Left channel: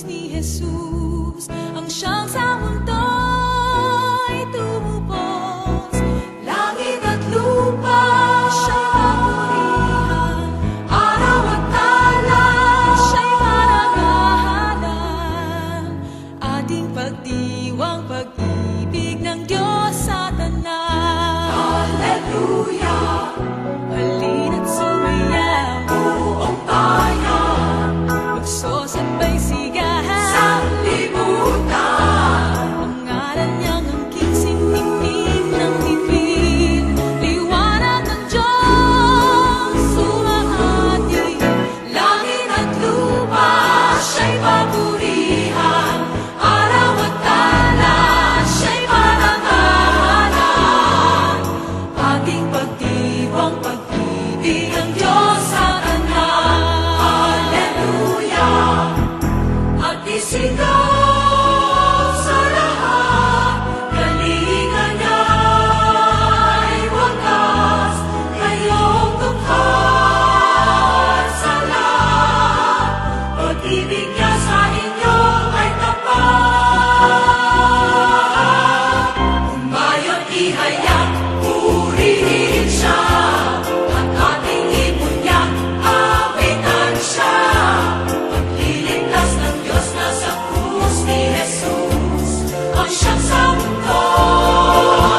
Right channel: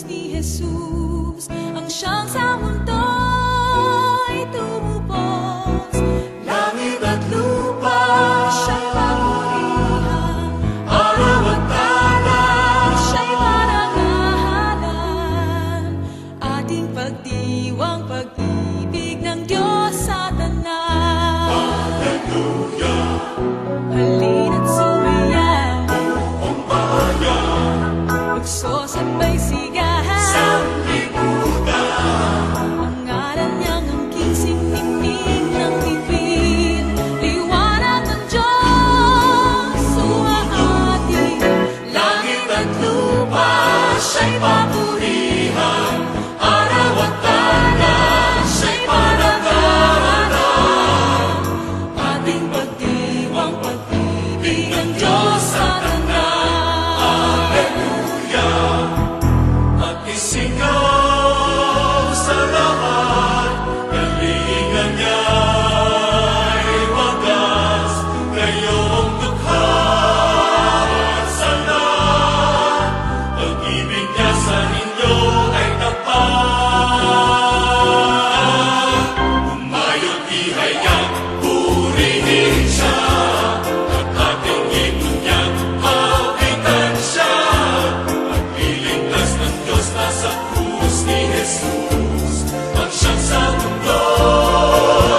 krus ni Jesus, ang siyang sa mundo'y tumubos. Langit at lupa siya'y papurihan, araw at talan siya'y parangalan. Ating pagdiwang pag-ibig ng Diyos sa tanan. Hallelujah! Halina't sumayaw, buong bayan, magsosabay sigahan sa libutan. Pangalan niyang angking siningning ng bibig, liwanag ng Diyos sumahati. Langit at lupa siya'y papurihan, araw at talan siya'y parangalan. Ating pagdiwang pag-ibig ng Diyos sa tanan. Hallelujah! Magsisigaw sa lahat, galingan niya'y wagas, kayong dukha sa lahat. Pag-ibig niya sa inyo ay tapat. Umayot ihayag, purihin siya, at ating ibon niyang awitan siya. Pagliligtas ng Diyos na sa krus ni Jesus, ang siyang sa mundo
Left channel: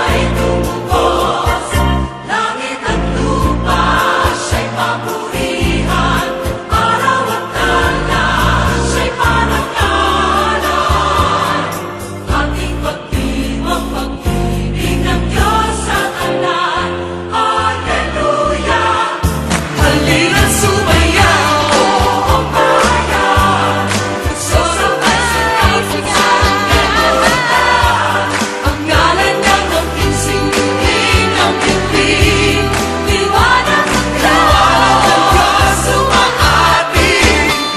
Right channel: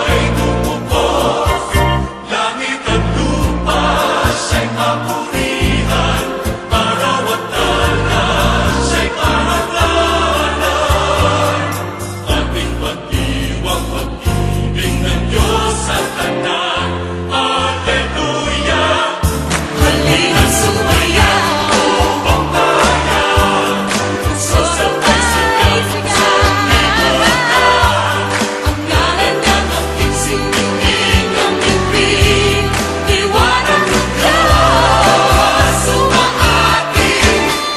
ay tumubos. Langit at lupa siya'y papurihan, araw at talan siya'y parangalan. Ating pagdiwang pag-ibig ng Diyos sa tanan. Hallelujah! Halina't sumayaw, buong bayan, magsosabay sigahan. Ang ngalan niyang angking siningning ng bibig, liwanag ng Diyos sumahati.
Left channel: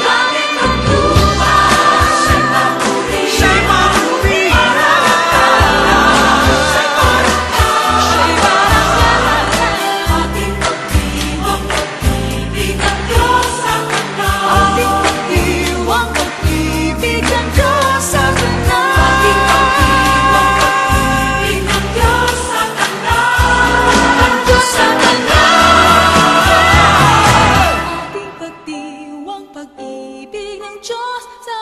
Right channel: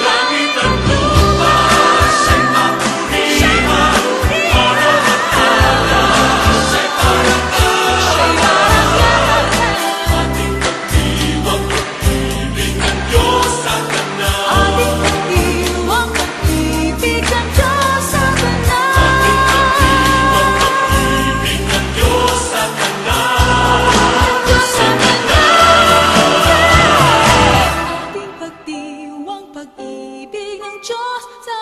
Langit at lupa siya'y papurihan, siya'y parangalan. Ating pagdiwang pag-ibig ng Diyos sa tanan. Ating pagdiwang pag-ibig ng Diyos sa tanan. Pag-ibig ng Diyos sa tanan. Ang Diyos sa tanan. Ating pagdiwang pag-ibig ng Diyos sa